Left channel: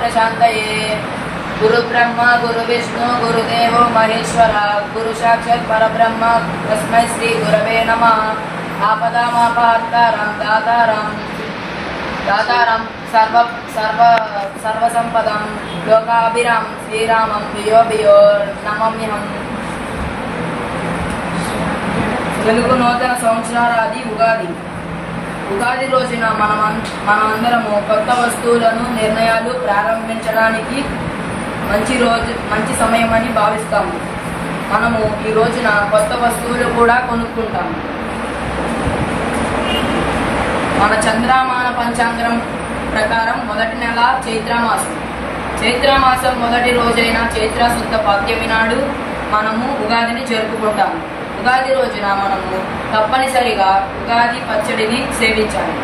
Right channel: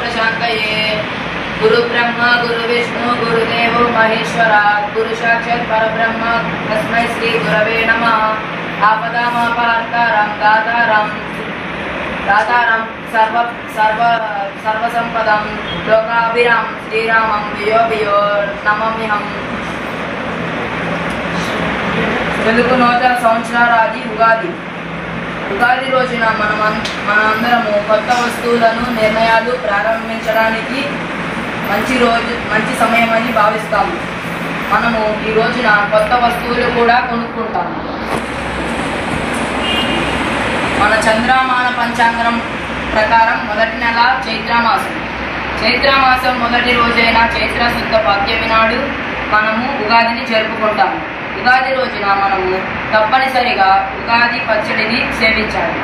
प्रशान्तये गुरु ब्रह्मा गुरु विष्णु गुरुदेवो महेश्वरा गुरु साक्षात् परब्रह्म तस्मै श्री गुरवे नमः। आपदामपहर्तारं दातारं सर्वसंपदं लोकाभिराम श्रीरामं भियो नमाम्यहम्। తెలుగు నూతన సంవత్సరాది ఉగాది రోజున మనందరము కొత్త వస్తువులను నిర్ణయాలు ప్రారంభించడానికి మంచి సమయమని భావిస్తాము. మనము ఈ రోజున కొత్త వస్తువులు కూడా కొనుక్కుంటాము. మన చంద్రమాన పంచాంగం ప్రకారం మొదటి నెల చైత్రమాసం మొదటి రోజైన చైత్ర శుద్ధ పాడ్యమి నాడు మనము ఉగాదిని జరుపుకుంటాము. ఉగాది రోజున మనము తప్పనిసరిగా ఉగాది పచ్చడిని సేవించాలి.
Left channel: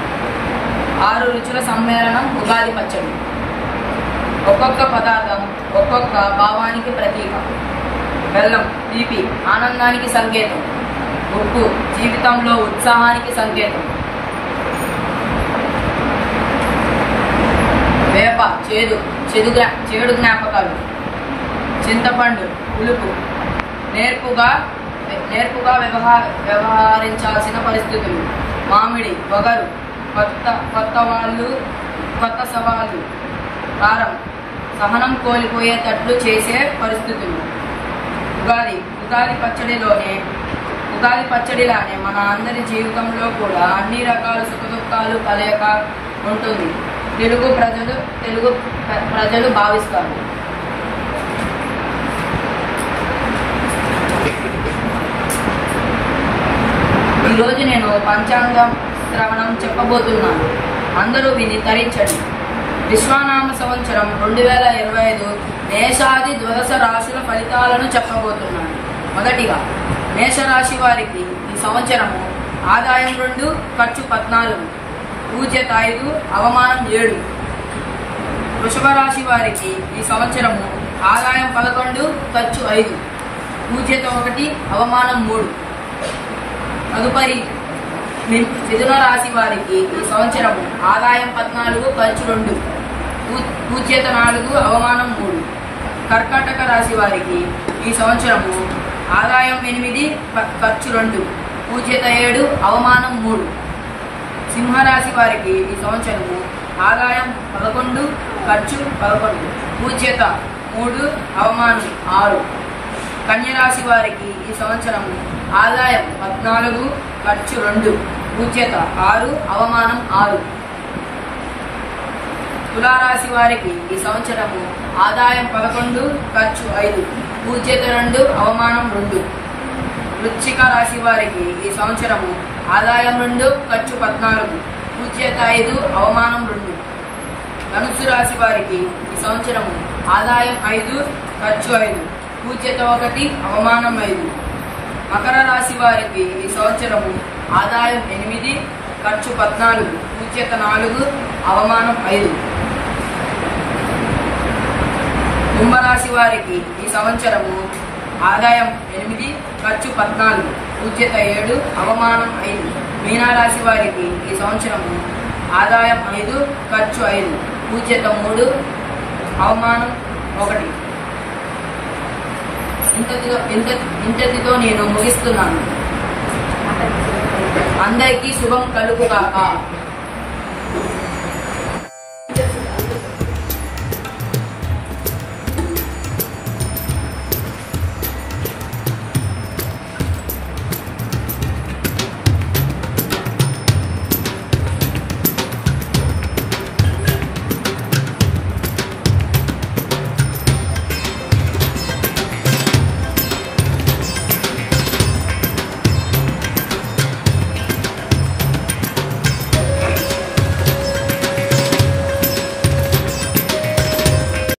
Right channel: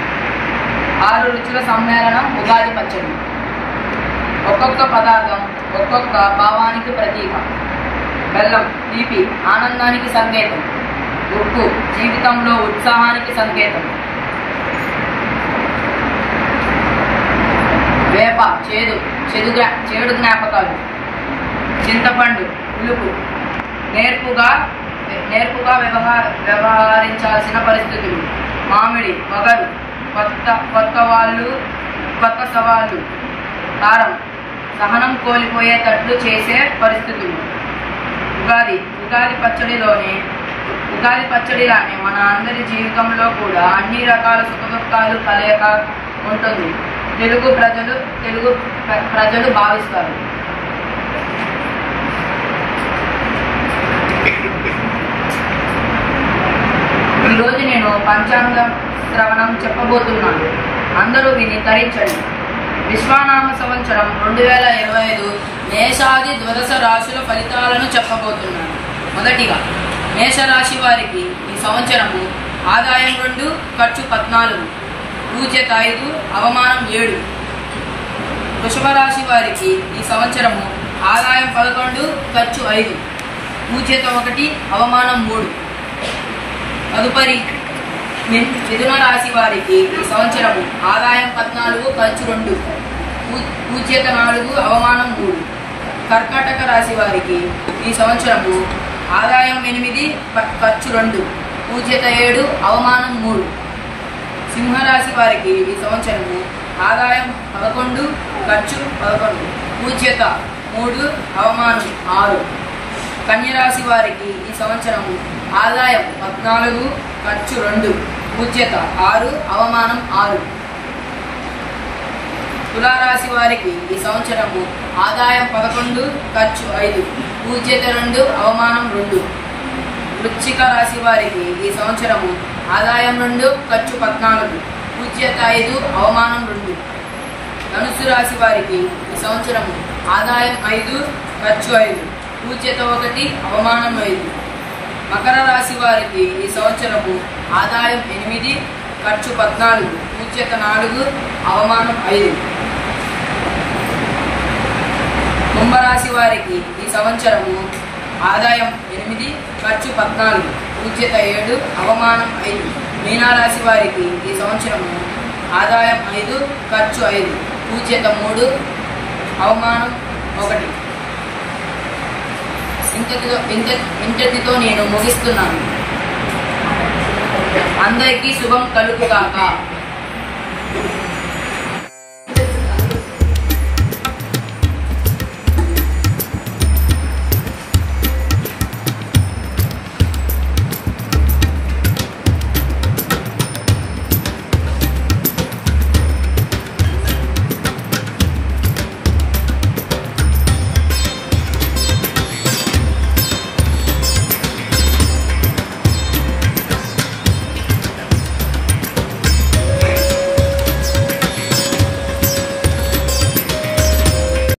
6 రుచుల సమ్మేళనం ఉగాది పచ్చడి. ఒక్కొక్క పదార్థం ఒక్కొక్క భావానికి ప్రతీక. బెల్లం తీపి ఆనందానికి సంకేతం. ఉప్పు జీవితంలో ఉత్సాహానికి సంకేతం. వేప చేడు జ్ఞాపకాలు. చింతపండు పులుపు నేర్పుగా వ్యవహరించాల్సిన పరిస్థితులు. మామిడి వగరు కొత్త సవాళ్ళు. కారం సహనం కోల్పోయేటట్లు చేసే పరిస్థితులు. ఉగాది పచ్చడిలానే మన అందరి జీవితంలో కూడా అన్ని రకాల సుఖదుఖాలు కలయిక ఉంటుంది. తెలుగు ప్రజలు భావిస్తారు. ఈరోజు నేను పంచాంగం శ్రవణం చెప్పబోతున్నాను. అందరూ విని తరించండి. విశ్వనామ సంవత్సరం 2025 మేషాది ద్వాదశ రాశుల ఫలితాలను చెప్పబోతున్నాను. మొదటిగా మేషరాశి వారికి ఈ సంవత్సరము ఆదాయం 2, ఖర్చు 14, పూజ్యత 5, అవమానం 7. వృషభ రాశి వారికి ఈ సంవత్సరము ఆదాయం 11, ఖర్చు 5, పూజ్యత 1, అవమానం 3. తదుపరి మిథున రాశి వారికి ఈ సంవత్సరము ఆదాయం 14, ఖర్చు 2, పూజ్యత 4, అవమానం 3. కర్కాటక రాశి వారికి ఈ సంవత్సరము ఆదాయం 8, ఖర్చు 2, పూజ్యత 7, అవమానం 3. సింహరాశి వారికి ఈ సంవత్సరము ఆదాయం 11, ఖర్చు 11, పూజ్యత 3, అవమానం 6. కన్యరాశి వారికి ఈ సంవత్సరము ఆదాయం 14, ఖర్చు 2, పూజ్యత 6, అవమానం 6. తులారాశి వారికి ఈ సంవత్సరము ఆదాయం 11, ఖర్చు 5, పూజ్యత 2, అవమానం 2. వృశ్చిక రాశి వారికి ఈ సంవత్సరము ఆదాయం 2, ఖర్చు 14, పూజ్యత 5, అవమానం 2. ధనుస్సు రాశి వారికి ఈ సంవత్సరము ఆదాయం 5, ఖర్చు 5, పూజ్యత 1, అవమానం 5. మకర రాశి వారికి ఈ సంవత్సరము ఆదాయం 8, ఖర్చు 14, పూజ్యత 4, అవమానం 5. కుంభరాశి వారికి ఈ సంవత్సరము ఆదాయం 8, ఖర్చు 14, పూజ్యత 7, అవమానం 5. మీనారాశి వారికి ఈ సంవత్సరము ఆదాయం 5, ఖర్చు 5, పూజ్యత 3, అవమానం 1. ఇంతటితో నేను ముగిస్తున్నాను. అందరికీ శుభం కలుగుగాక.